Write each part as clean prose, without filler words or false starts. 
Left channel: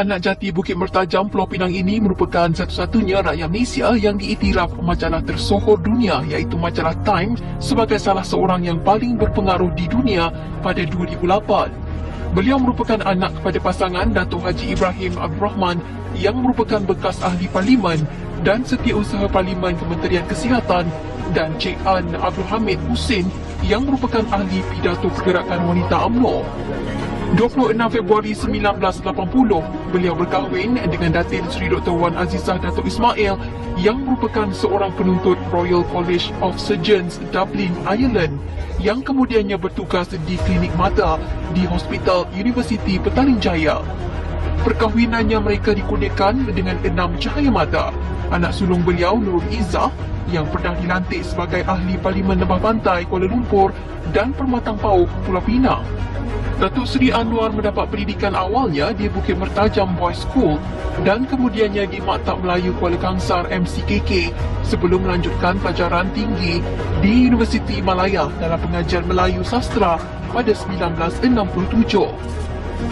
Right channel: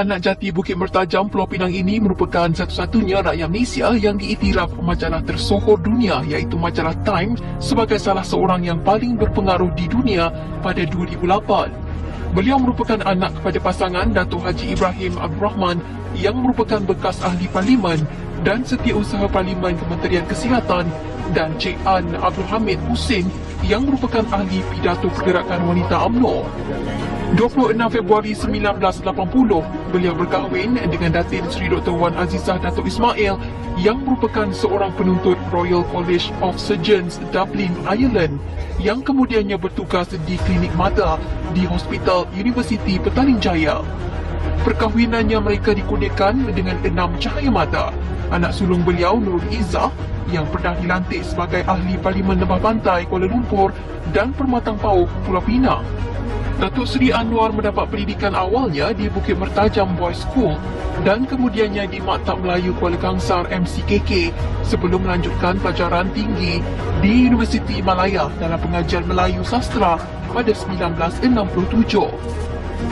Anak jati Bukit Mertajam, Pulau Pinang ini merupakan satu-satunya rakyat Malaysia yang diiktiraf majalah tersohor dunia iaitu majalah Time sebagai salah seorang yang paling berpengaruh di dunia pada 2008. Beliau merupakan anak kepada pasangan Datuk Haji Ibrahim Abdul Rahman yang merupakan bekas ahli parlimen dan Setiausaha Parlimen Kementerian Kesihatan, dan Cik An Abdul Hamid Husin yang merupakan ahli pidato Pergerakan Wanita UMNO. 26 Februari 1980, beliau berkahwin dengan Datin Seri Dr. Wan Azizah Datuk Ismail yang merupakan seorang penuntut Royal College of Surgeons Dublin, Ireland yang kemudiannya bertugas di klinik mata di Hospital Universiti Petaling Jaya. Perkahwinannya mereka dikurniakan dengan 6 cahaya mata. Anak sulung beliau Nurul Izzah yang pernah dilantik sebagai ahli Parlimen Lembah Pantai Kuala Lumpur dan Permatang Pauh Pulau Pinang. Datuk Seri Anwar mendapat pendidikan awalnya di Bukit Mertajam Boys School dan kemudiannya di Maktab Melayu Kuala Kangsar MCKK sebelum melanjutkan pelajaran tinggi di Universiti Malaya dalam pengajian Melayu Sastra pada 1967.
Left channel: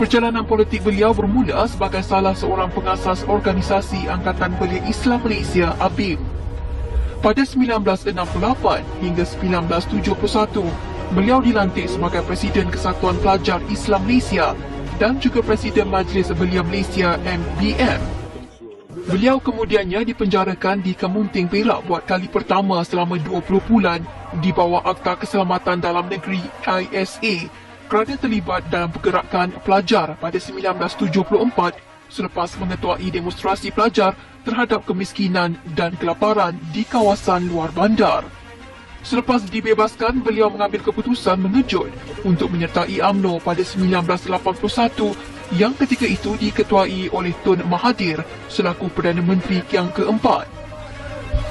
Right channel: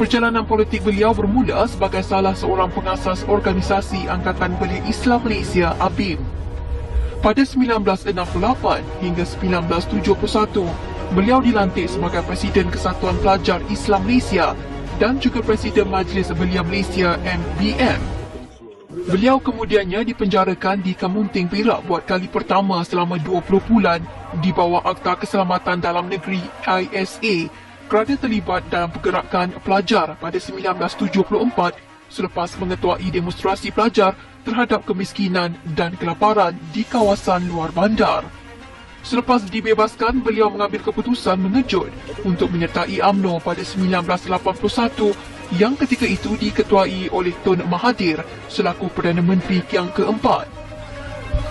Perjalanan politik beliau bermula sebagai salah seorang pengasas organisasi Angkatan Belia Islam Malaysia ABIM. Pada 1968 hingga 1971, beliau dilantik sebagai Presiden Kesatuan Pelajar Islam Malaysia dan juga Presiden Majlis Belia Malaysia MBM. Beliau kemudiannya dipenjarakan di Kamunting, Perak buat kali pertama selama 20 bulan di bawah Akta Keselamatan Dalam Negeri ISA kerana terlibat dalam pergerakan pelajar pada 1974 selepas mengetuai demonstrasi pelajar terhadap kemiskinan dan kelaparan di kawasan luar bandar. Selepas dibebaskan, beliau mengambil keputusan mengejut untuk menyertai UMNO pada 1981 yang ketika itu diketuai oleh Tun Mahathir selaku Perdana Menteri yang keempat.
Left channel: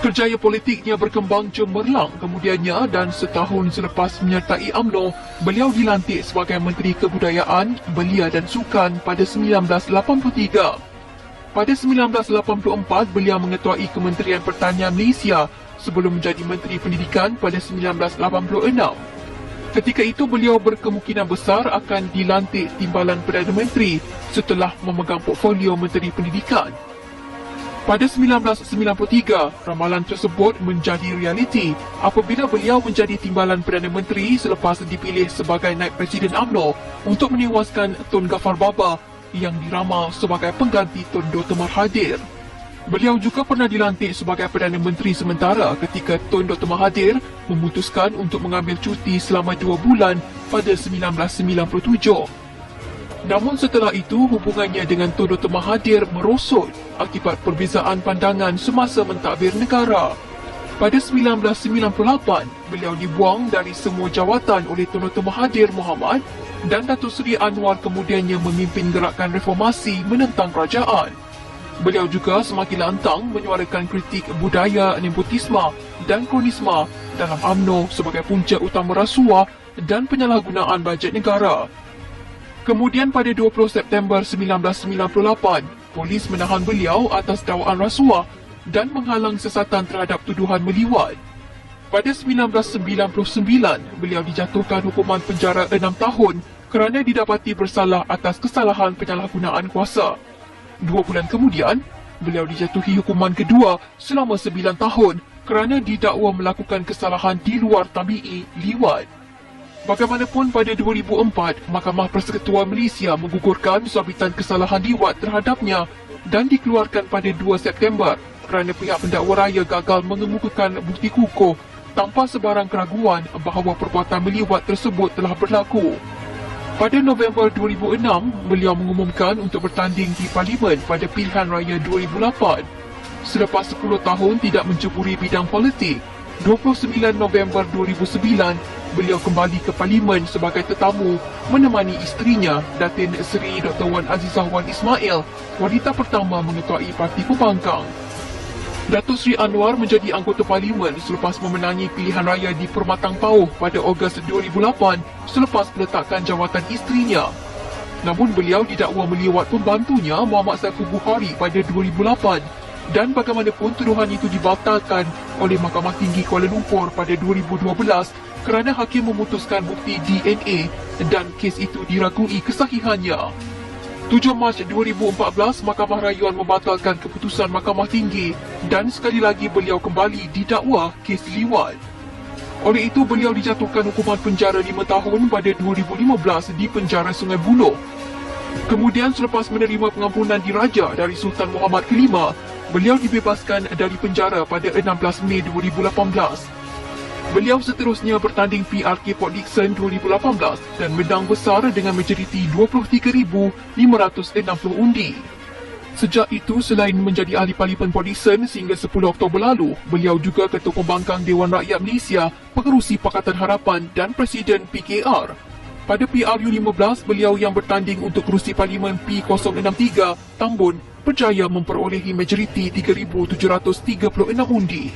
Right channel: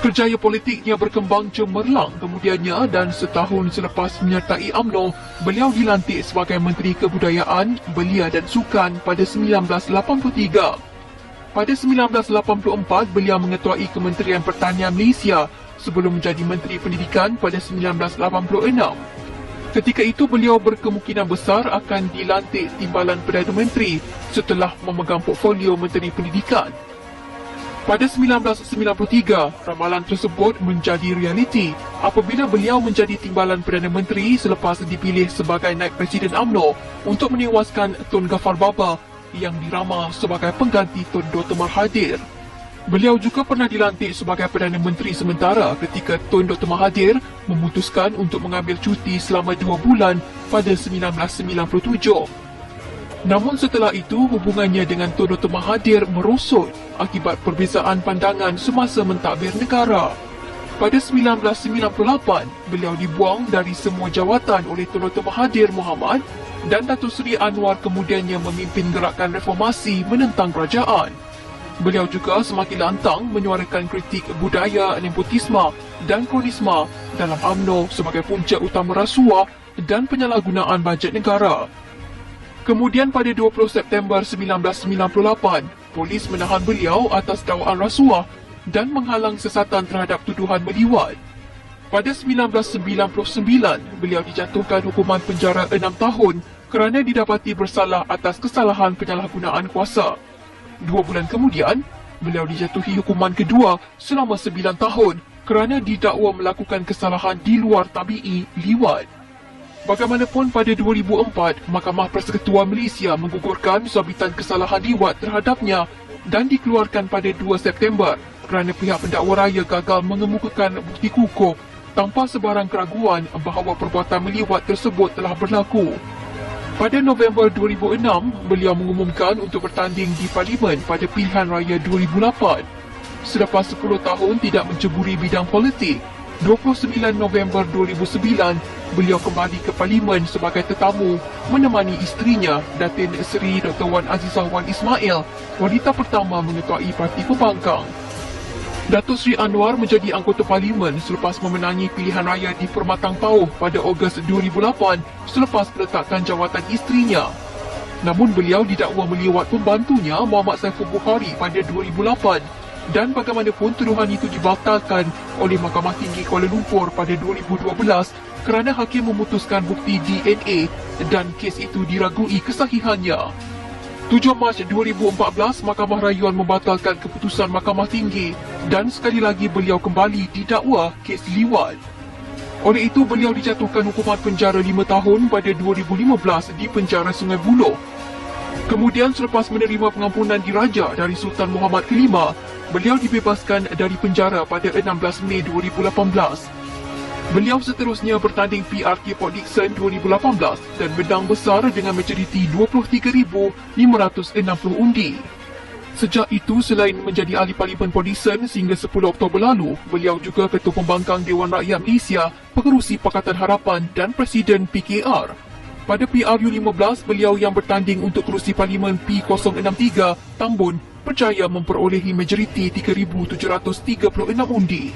Kerjaya politiknya berkembang cemerlang kemudiannya dan setahun selepas menyertai UMNO, beliau dilantik sebagai Menteri Kebudayaan, Belia dan Sukan pada 1983. Pada 1984, beliau mengetuai Kementerian Pertanian Malaysia sebelum menjadi Menteri Pendidikan pada 1986. Ketika itu beliau berkemungkinan besar akan dilantik timbalan Perdana Menteri setelah memegang portfolio Menteri Pendidikan. Pada 1993, ramalan tersebut menjadi realiti apabila beliau menjadi timbalan Perdana Menteri selepas dipilih sebagai naib Presiden UMNO untuk menewaskan Tun Ghaffar Baba yang diramal sebagai pengganti Tun Dr. Mahathir. Beliau juga pernah dilantik sebagai Perdana Menteri sementara ketika Tun Dr. Mahathir memutuskan untuk mengambil cuti selama 2 bulan pada 1997. Namun setelah itu, hubungannya dengan Tun Dr. Mahathir merosot akibat perbezaan pandangan semasa mentadbir negara. Pada 1998, beliau dibuang dari semua jawatan oleh Tun Dr. Mahathir Mohamad dan Datuk Seri Anwar kemudiannya memimpin gerakan reformasi menentang kerajaan. Beliau juga semakin lantang menyuarakan kritik budaya nepotisme dan kronisme dalam UMNO sebagai punca utama rasuah dan penyalahgunaan bajet negara. Kemudian pada 20 September 1998, polis menahan beliau atas dakwaan rasuah dan menghalang siasatan terhadap tuduhan meliwat. Pada 1999, beliau dijatuhkan hukuman penjara 6 tahun kerana didapati bersalah atas kesalahan penyalahgunaan kuasa. 2 bulan kemudian, beliau dijatuhi hukuman kedua selama 9 tahun kerana didakwa melakukan kesalahan di luar tabi'i liwat. Bagaimanapun pada 2004, Mahkamah Persekutuan Malaysia menggugurkan sabitan kesalahan liwat terhadapnya dan dikeluarkan pada 2 September kerana pihak pendakwa raya gagal mengemukakan bukti kukuh tanpa sebarang keraguan bahawa perbuatan meliwat tersebut telah berlaku. Pada November 2006, beliau mengumumkan untuk bertanding di Parlimen pada pilihan raya 2008. Selepas 10 tahun tidak menceburi bidang politik, 29 November 2009, beliau kembali ke Parlimen sebagai tetamu menemani isterinya, Datin Seri Dr. Wan Azizah Wan Ismail, wanita pertama mengetuai Parti Pembangkang. Datuk Seri Anwar menjadi anggota Parlimen selepas memenangi pilihan raya di Permatang Pauh pada Ogos 2008 selepas peletakan jawatan isterinya. Namun beliau didakwa meliwat pembantunya Muhammad Saiful Bukhari pada 2008 dan bagaimanapun tuduhan itu dibatalkan oleh Mahkamah Tinggi Kuala Lumpur pada 2012 kerana hakim memutuskan bukti DNA dan kes itu diragui kesahihannya. 7 Mac 2014, Mahkamah Rayuan membatalkan keputusan Mahkamah Tinggi dan sekali lagi beliau kembali didakwa kes liwat. Oleh itu, beliau dijatuhkan hukuman penjara 5 tahun pada 2015 di penjara Sungai Buloh. Kemudian selepas menerima pengampunan diraja dari Sultan Muhammad V, beliau dibebaskan dari penjara pada 16 Mei 2018. Beliau seterusnya bertanding PRK Port Dickson 2018 dan menang besar dengan majoriti 23,560 undi. Sejak itu, selain menjadi ahli Parlimen Port Dickson sehingga 10 Oktober lalu, beliau juga Ketua Pembangkang Dewan Rakyat Malaysia, Pengerusi Pakatan Harapan dan Presiden PKR. Pada PRU15, beliau yang bertanding untuk kerusi Parlimen P063, Tambun, berjaya memperolehi majoriti 3,736 undi.